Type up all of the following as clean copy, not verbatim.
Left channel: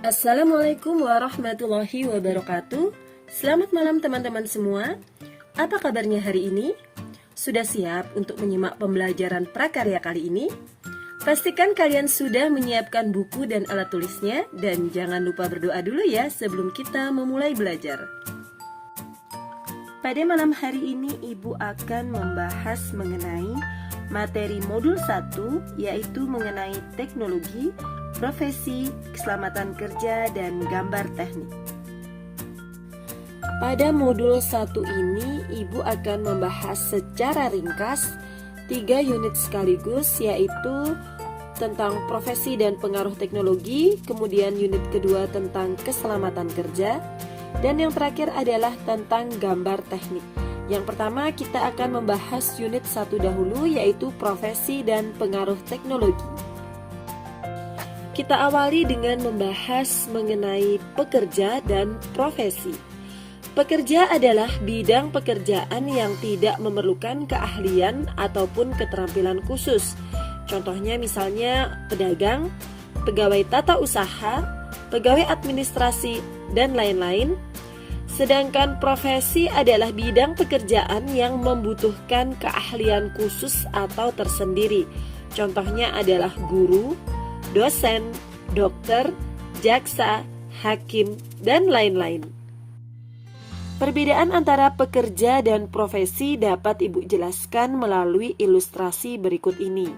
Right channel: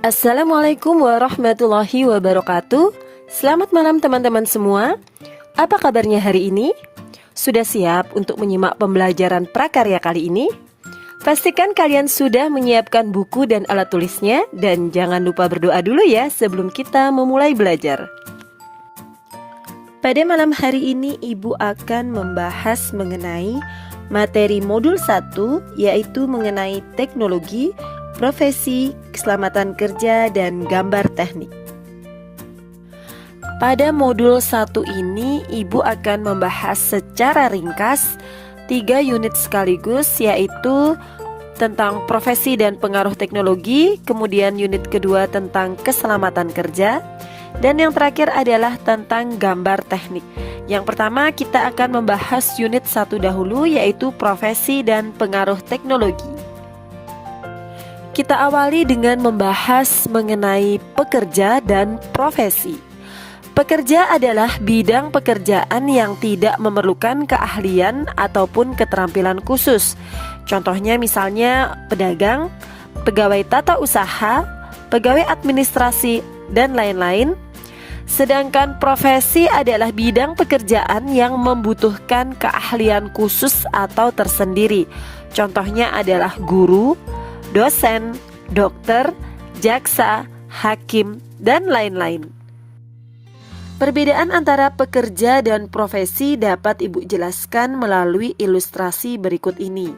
Assalamualaikum warahmatullahi wabarakatuh. Selamat malam teman-teman semua. Apa kabarnya hari ini? Sudah siap untuk menyimak pembelajaran prakarya kali ini? Pastikan kalian sudah menyiapkan buku dan alat tulisnya. Dan jangan lupa berdoa dulu ya sebelum kita memulai belajar. Pada malam hari ini Ibu akan membahas mengenai materi modul 1, yaitu mengenai teknologi, profesi, keselamatan kerja, dan gambar teknik. Pada modul 1 ini, Ibu akan membahas secara ringkas 3 unit sekaligus, yaitu tentang profesi dan pengaruh teknologi, kemudian unit kedua tentang keselamatan kerja, dan yang terakhir adalah tentang gambar teknik. Yang pertama kita akan membahas unit 1 dahulu, yaitu profesi dan pengaruh teknologi. Kita awali dengan membahas mengenai pekerja dan profesi. Pekerja adalah bidang pekerjaan yang tidak memerlukan keahlian ataupun keterampilan khusus. Contohnya misalnya pedagang, pegawai tata usaha, pegawai administrasi, dan lain-lain. Sedangkan profesi adalah bidang pekerjaan yang membutuhkan keahlian khusus atau tersendiri. Contohnya adalah guru, dosen, dokter, jaksa, hakim, dan lain-lain. Perbedaan antara pekerja dan profesi dapat Ibu jelaskan melalui ilustrasi berikut ini.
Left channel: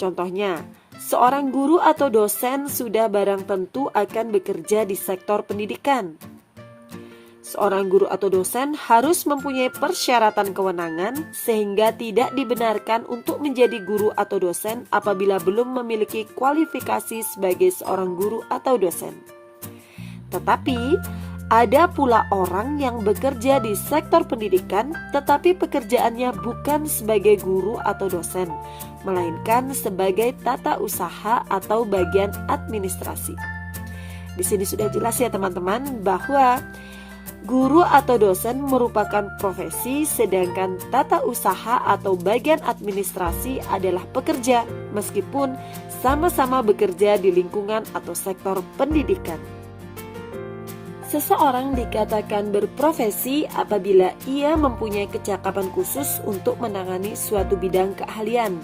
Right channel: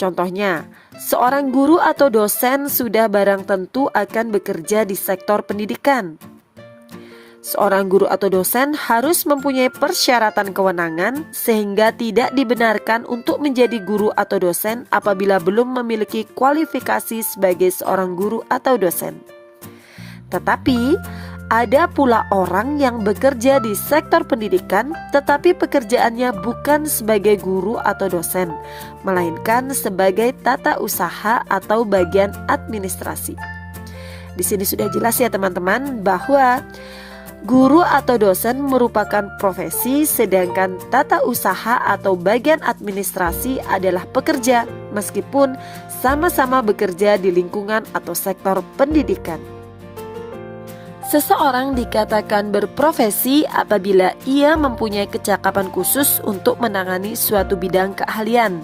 Contohnya, seorang guru atau dosen sudah barang tentu akan bekerja di sektor pendidikan. Seorang guru atau dosen harus mempunyai persyaratan kewenangan sehingga tidak dibenarkan untuk menjadi guru atau dosen apabila belum memiliki kualifikasi sebagai seorang guru atau dosen. Tetapi ada pula orang yang bekerja di sektor pendidikan tetapi pekerjaannya bukan sebagai guru atau dosen, melainkan sebagai tata usaha atau bagian administrasi. Di sini sudah jelas ya teman-teman bahwa guru atau dosen merupakan profesi, sedangkan tata usaha atau bagian administrasi adalah pekerja, meskipun sama-sama bekerja di lingkungan atau sektor pendidikan. Seseorang dikatakan berprofesi apabila ia mempunyai kecakapan khusus untuk menangani suatu bidang keahlian,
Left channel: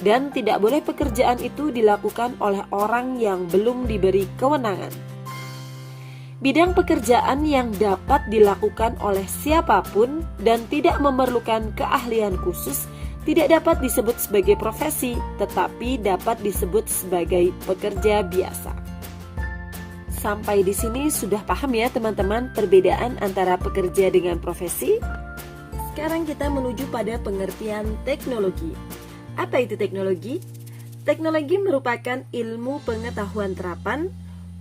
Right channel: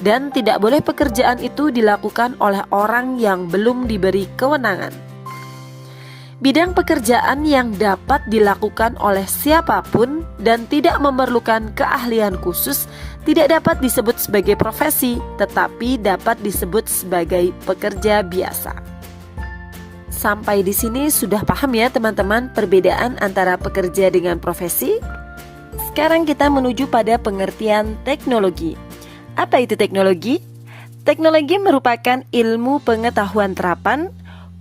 dan tidak boleh pekerjaan itu dilakukan oleh orang yang belum diberi kewenangan. Bidang pekerjaan yang dapat dilakukan oleh siapapun dan tidak memerlukan keahlian khusus tidak dapat disebut sebagai profesi, tetapi dapat disebut sebagai pekerja biasa. Sampai di sini sudah paham ya teman-teman perbedaan antara pekerja dengan profesi? Sekarang kita menuju pada pengertian teknologi. Apa itu teknologi? Teknologi merupakan ilmu pengetahuan terapan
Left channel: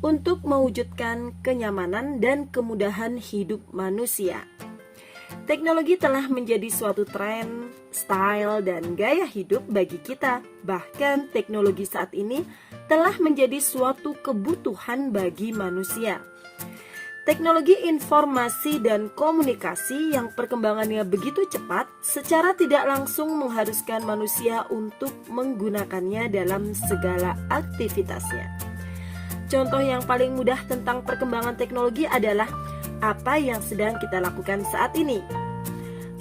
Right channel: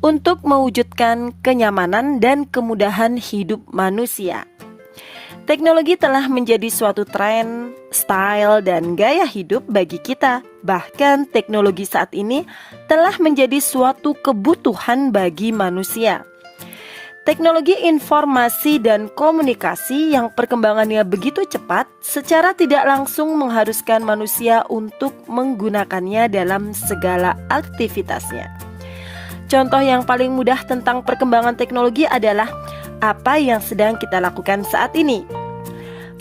untuk mewujudkan kenyamanan dan kemudahan hidup manusia. Teknologi telah menjadi suatu tren, style, dan gaya hidup bagi kita. Bahkan teknologi saat ini telah menjadi suatu kebutuhan bagi manusia. Teknologi informasi dan komunikasi yang perkembangannya begitu cepat secara tidak langsung mengharuskan manusia untuk menggunakannya dalam segala aktivitasnya. Contoh yang paling mudah tentang perkembangan teknologi adalah apa yang sedang kita lakukan saat ini.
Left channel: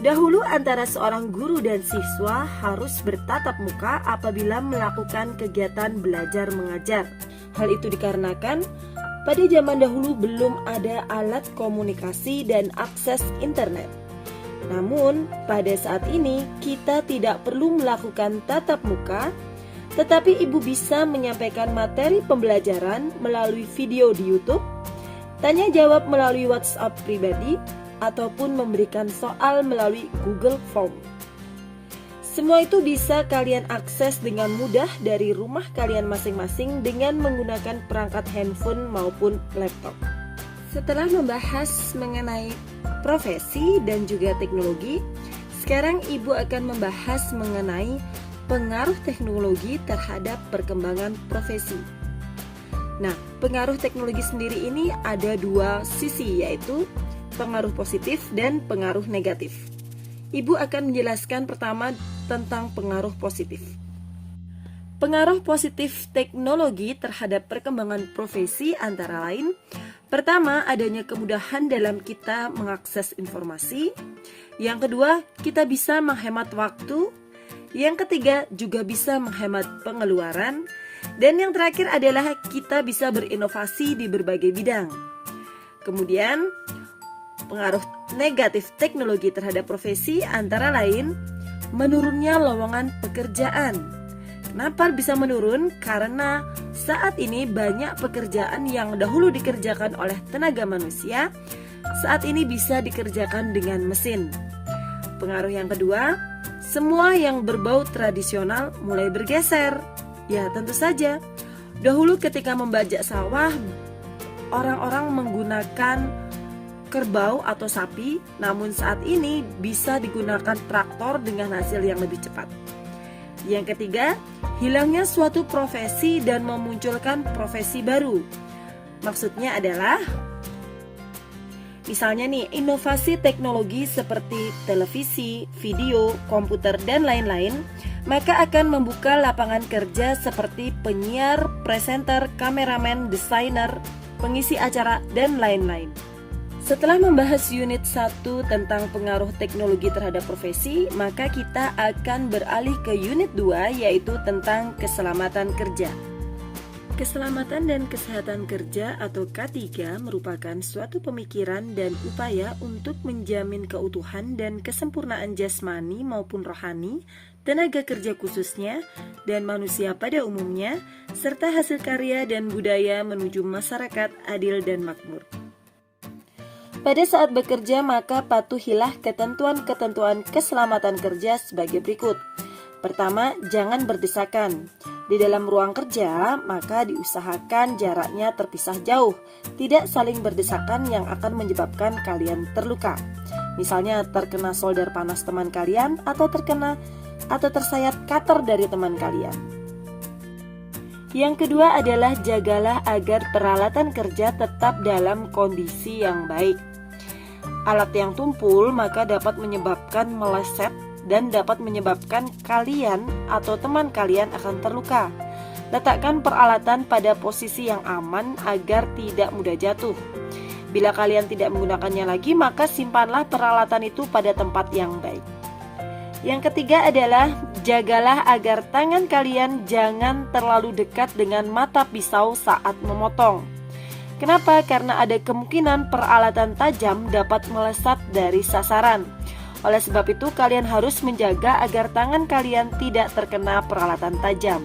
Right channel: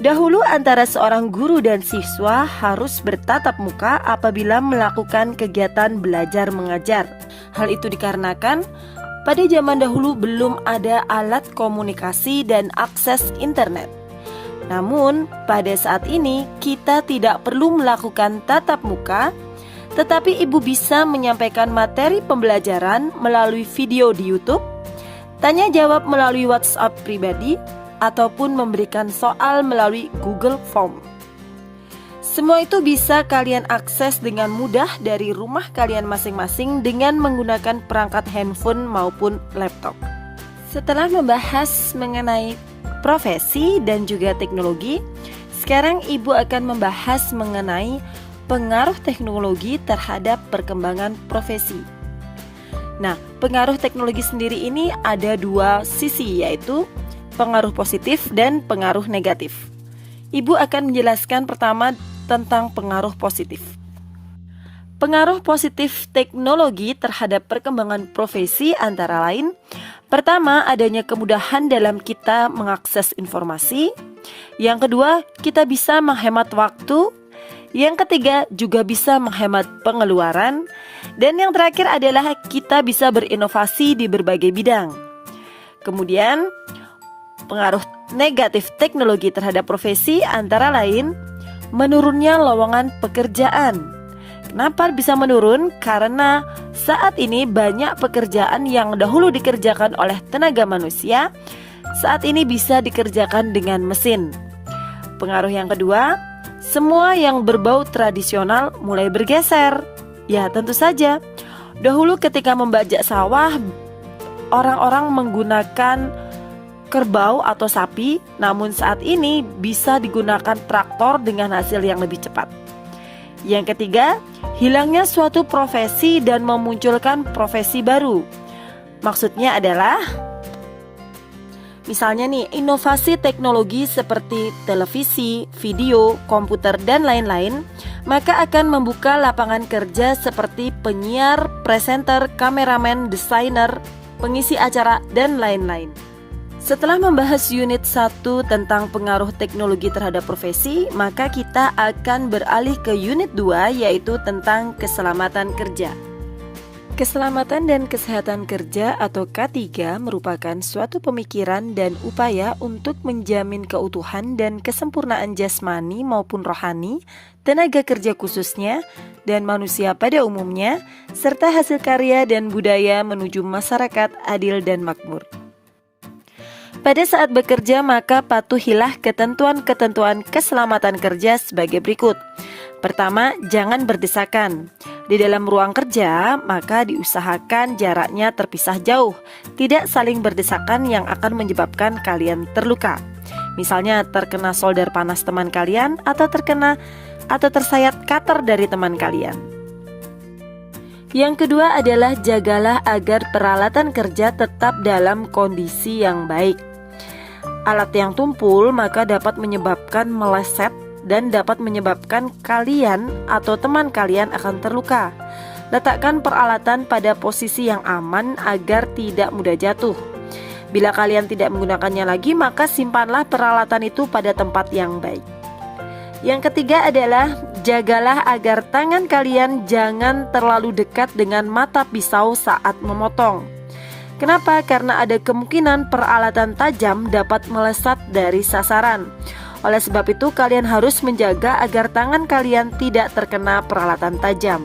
Dahulu antara seorang guru dan siswa harus bertatap muka apabila melakukan kegiatan belajar mengajar. Hal itu dikarenakan pada zaman dahulu belum ada alat komunikasi dan akses internet. Namun pada saat ini kita tidak perlu melakukan tatap muka, tetapi Ibu bisa menyampaikan materi pembelajaran melalui video di YouTube, tanya jawab melalui WhatsApp pribadi, ataupun memberikan soal melalui Google Form. Semua itu bisa kalian akses dengan mudah dari rumah kalian masing-masing dengan menggunakan perangkat handphone maupun laptop. Setelah membahas mengenai profesi dan juga teknologi, sekarang Ibu akan membahas mengenai pengaruh teknologi terhadap perkembangan profesi. Nah, pengaruh teknologi sendiri ini ada dua sisi, yaitu pengaruh positif dan pengaruh negatif. Ibu akan menjelaskan pertama tentang pengaruh positif. Pengaruh positif teknologi terhadap perkembangan profesi antara lain: pertama, adanya kemudahan dalam kita mengakses informasi. Yang kedua, kita bisa menghemat waktu. Yang ketiga, juga bisa menghemat pengeluaran. Dan yang terakhir adalah kita bisa berinovasi di berbagai bidang. Kemudian, pengaruh negatif teknologi terhadap profesi antara lain menurunnya lowongan pekerjaan. Kenapa bisa menurun? Karena saat ini banyak pekerjaan yang dahulu dikerjakan oleh tenaga manusia, saat ini bisa dikerjakan dengan mesin. Pengaruh yang kedua, semua yang berbau tradisional mulai bergeser. Ya, tentu saja. Dahulu ketika membajak sawah, orang-orang menggunakan kerbau atau sapi, namun saat ini bisa digunakan traktor dengan hasil yang lebih cepat. Yang ketiga, hilangnya suatu profesi dan memunculkan profesi baru. Maksudnya adalah, misalnya nih, inovasi teknologi seperti televisi, video, komputer, dan lain-lain, maka akan membuka lapangan kerja seperti penyiar, presenter, kameramen, desainer, pengisi acara, dan lain-lain. Setelah membahas unit 1 tentang pengaruh teknologi terhadap profesi, maka kita akan beralih ke unit 2, yaitu tentang keselamatan kerja. Keselamatan dan kesehatan kerja atau K3 merupakan suatu pemikiran dan upaya untuk menjamin keutuhan dan kesempurnaan jasmani maupun rohani, tenaga kerja khususnya, dan manusia pada umumnya, serta hasil karya dan budaya menuju masyarakat adil dan makmur. Pada saat bekerja, maka patuhilah ketentuan-ketentuan keselamatan kerja sebagai berikut. Pertama, jangan berdesakan. Di dalam ruang kerja, maka diusahakan jaraknya terpisah jauh, tidak saling berdesakan yang akan menyebabkan kalian terluka. Misalnya terkena solder panas teman kalian, atau tersayat cutter dari teman kalian. Yang kedua adalah jagalah agar peralatan kerja tetap dalam kondisi yang baik. Alat yang tumpul maka dapat menyebabkan meleset dan dapat menyebabkan kalian atau teman kalian akan terluka. Letakkan peralatan pada posisi yang aman agar tidak mudah jatuh. Bila kalian tidak menggunakannya lagi, maka simpanlah peralatan itu pada tempat yang baik. Yang ketiga adalah jagalah agar tangan kalian jangan terlalu dekat dengan mata pisau saat memotong. Kenapa? Karena ada kemungkinan peralatan tajam dapat melesat dari sasaran. Oleh sebab itu, kalian harus menjaga agar tangan kalian tidak terkena peralatan tajam.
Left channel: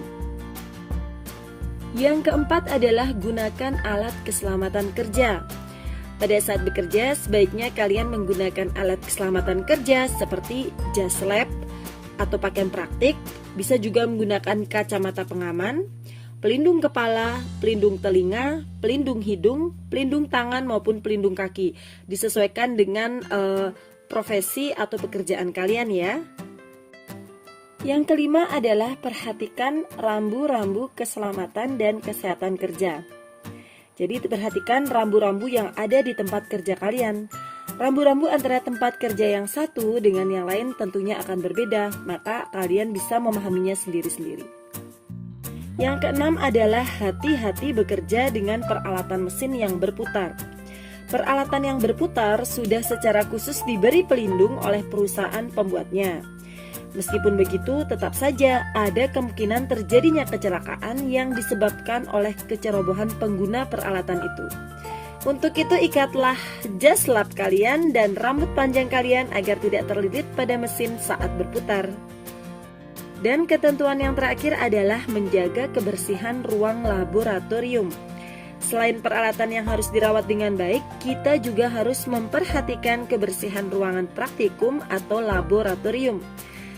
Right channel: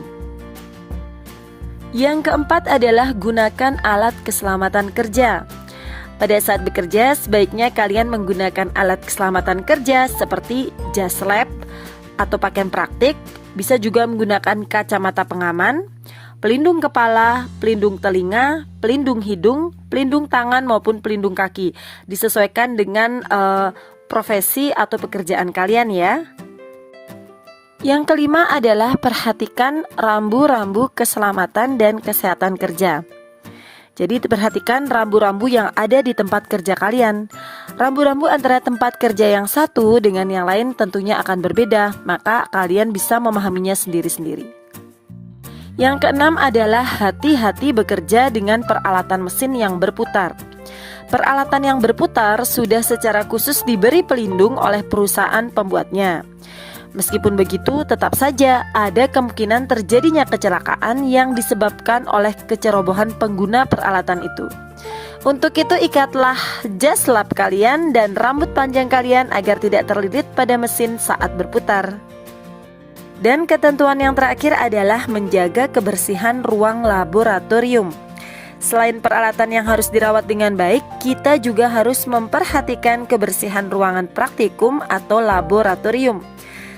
Yang keempat adalah gunakan alat keselamatan kerja. Pada saat bekerja, sebaiknya kalian menggunakan alat keselamatan kerja seperti jas lab atau pakaian praktik, bisa juga menggunakan kacamata pengaman, pelindung kepala, pelindung telinga, pelindung hidung, pelindung tangan maupun pelindung kaki. Disesuaikan dengan profesi atau pekerjaan kalian ya. Yang kelima adalah perhatikan rambu-rambu keselamatan dan kesehatan kerja. Jadi perhatikan rambu-rambu yang ada di tempat kerja kalian. Rambu-rambu antara tempat kerja yang satu dengan yang lain tentunya akan berbeda, maka kalian bisa memahaminya sendiri-sendiri. Yang keenam adalah hati-hati bekerja dengan peralatan mesin yang berputar. Peralatan yang berputar sudah secara khusus diberi pelindung oleh perusahaan pembuatnya. Meskipun begitu, tetap saja ada kemungkinan terjadinya kecelakaan yang disebabkan oleh kecerobohan pengguna peralatan itu. Untuk itu, ikatlah jas lap kalian dan rambut panjang kalian agar tidak terlilit pada mesin saat berputar. Dan ketentuan yang terakhir adalah menjaga kebersihan ruang laboratorium. Selain peralatan yang harus dirawat dengan baik, kita juga harus memperhatikan kebersihan ruangan praktikum atau laboratorium.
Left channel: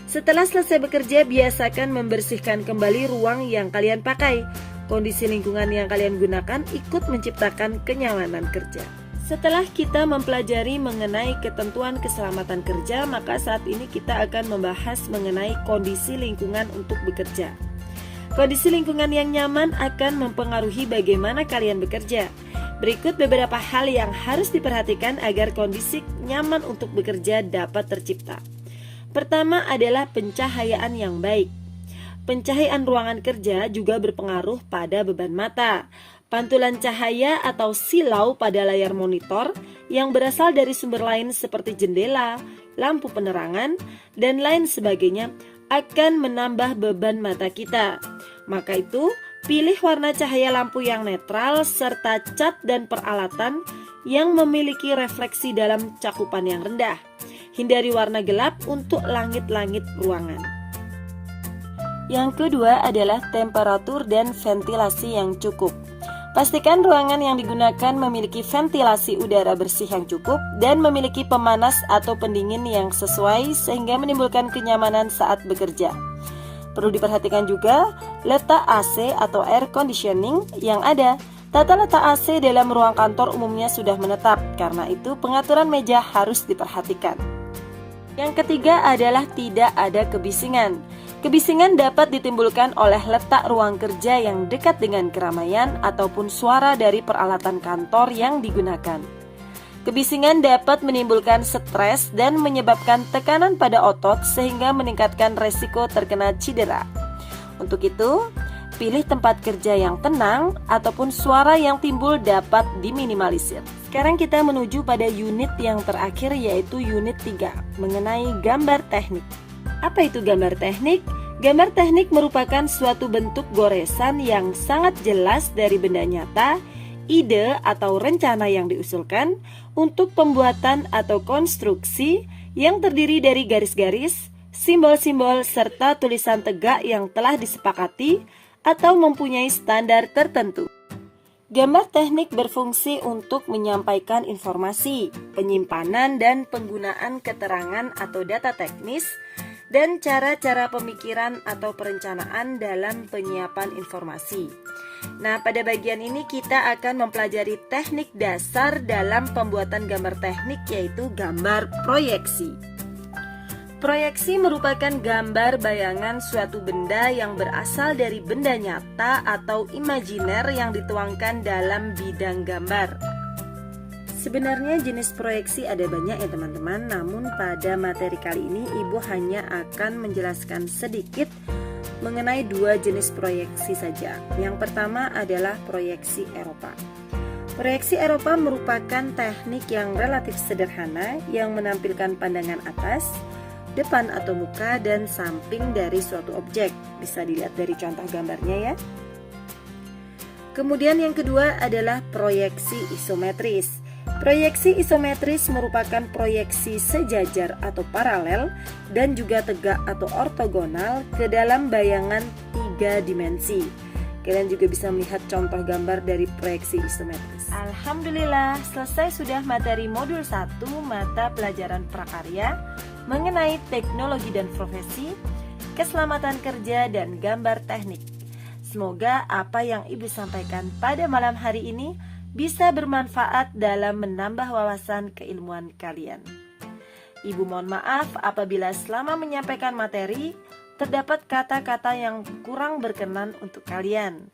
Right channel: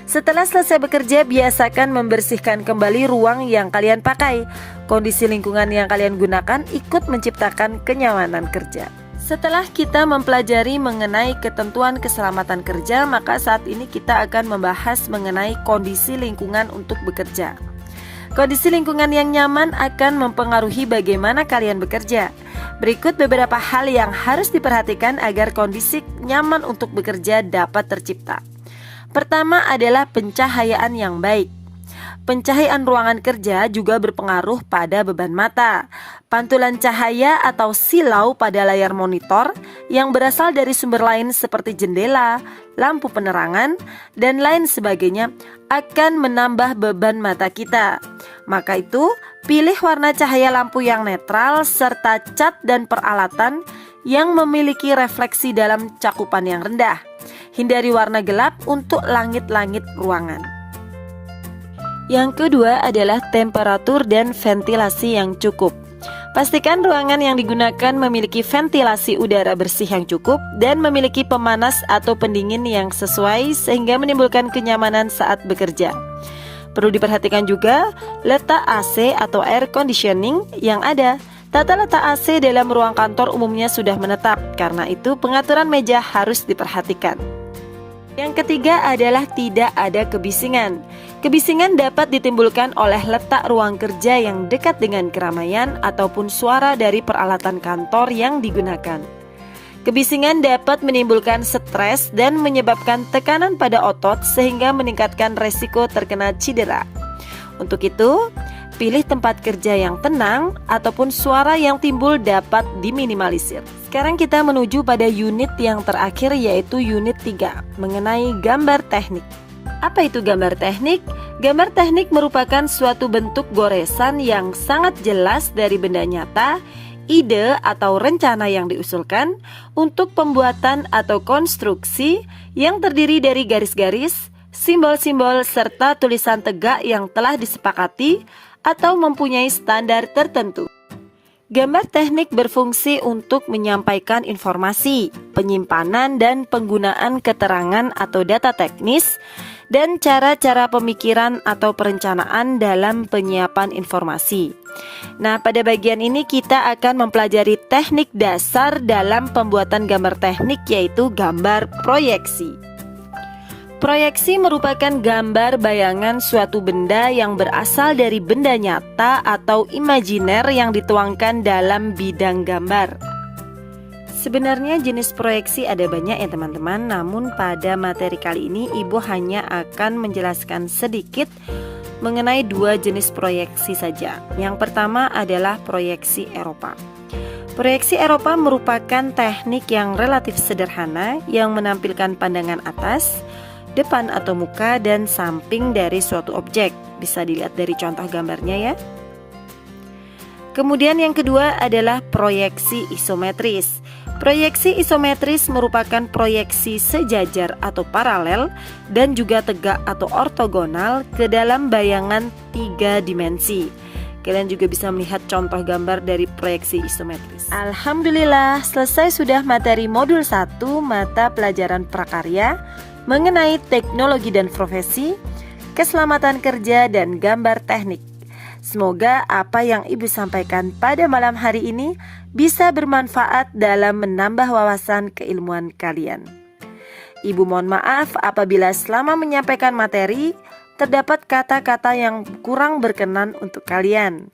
Setelah selesai bekerja, biasakan membersihkan kembali ruang yang kalian pakai. Kondisi lingkungan yang kalian gunakan ikut menciptakan kenyamanan kerja. Setelah kita mempelajari mengenai ketentuan keselamatan kerja, maka saat ini kita akan membahas mengenai kondisi lingkungan untuk bekerja. Kondisi lingkungan yang nyaman akan mempengaruhi bagaimana kalian bekerja. Berikut beberapa hal yang harus diperhatikan agar kondisi nyaman untuk bekerja dapat tercipta. Pertama adalah pencahayaan yang baik. Pencahayaan ruangan kerja juga berpengaruh pada beban mata. Pantulan cahaya atau silau pada layar monitor yang berasal dari sumber lain seperti jendela, lampu penerangan, dan lain sebagainya akan menambah beban mata kita. Maka itu, pilih warna cahaya lampu yang netral serta cat dan peralatan yang memiliki refleksi dalam cakupan yang rendah. Hindari warna gelap untuk langit-langit ruangan. Yang kedua adalah temperatur dan ventilasi yang cukup. Pastikan ruangan yang digunakan memiliki ventilasi udara bersih yang cukup dan memiliki pemanas atau pendingin yang sesuai sehingga menimbulkan kenyamanan saat bekerja. Perlu diperhatikan juga letak AC atau air conditioning yang ada. Tata letak AC dalam ruang kantor umumnya sudah menetap, karena itu pengaturan meja harus diperhatikan. Yang ketiga adalah tidak ada kebisingan. Kebisingan dapat ditimbulkan oleh letak ruang kerja yang dekat dengan keramaian ataupun suara dari peralatan kantor yang digunakan. Kebisingan dapat menimbulkan stres dan menyebabkan tekanan pada otot sehingga meningkatkan resiko terkena cedera. Untuk itu, pilih tempat kerja yang tenang ataupun suara yang timbul dapat diminimalisir. Sekarang kita menuju pada unit yang terakhir, yaitu unit 3, mengenai gambar teknik. Apa itu gambar teknik? Gambar teknik merupakan suatu bentuk goresan yang sangat jelas dari benda nyata, ide atau rencana yang diusulkan untuk pembuatan atau konstruksi yang terdiri dari garis-garis, simbol-simbol, serta tulisan tegak yang telah disepakati atau mempunyai standar tertentu. Gambar teknik berfungsi untuk menyampaikan informasi, penyimpanan dan penggunaan keterangan atau data teknis, dan cara-cara pemikiran atau perencanaan dalam penyiapan informasi. Nah, pada bagian ini kita akan mempelajari teknik dasar dalam pembuatan gambar teknik, yaitu gambar proyeksi. Proyeksi merupakan gambar bayangan suatu benda yang berasal dari benda nyata atau imajiner yang dituangkan dalam bidang gambar. Sebenarnya jenis proyeksi ada banyak ya teman-teman, namun pada materi kali ini Ibu hanya akan menjelaskan sedikit mengenai dua jenis proyeksi saja. Yang pertama adalah proyeksi Eropa. Proyeksi Eropa merupakan teknik yang relatif sederhana yang menampilkan pandangan atas, depan atau muka, dan samping dari suatu objek. Bisa dilihat dari contoh gambarnya ya. Kemudian yang kedua adalah proyeksi isometris. Proyeksi isometris merupakan proyeksi sejajar atau paralel dan juga tegak atau ortogonal ke dalam bayangan 3 dimensi. Kalian juga bisa melihat contoh gambar dari proyeksi isometris. Alhamdulillah, selesai sudah materi modul 1 mata pelajaran prakarya mengenai teknologi dan profesi, keselamatan kerja, dan gambar teknik. Semoga apa yang Ibu sampaikan pada malam hari ini bisa bermanfaat dalam menambah wawasan keilmuan kalian. Ibu mohon maaf apabila selama menyampaikan materi terdapat kata-kata yang kurang berkenan untuk kalian.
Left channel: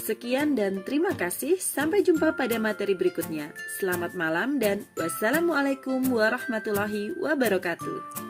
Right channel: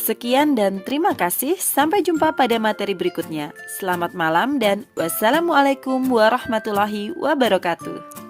Sekian dan terima kasih. Sampai jumpa pada materi berikutnya. Selamat malam dan wassalamualaikum warahmatullahi wabarakatuh.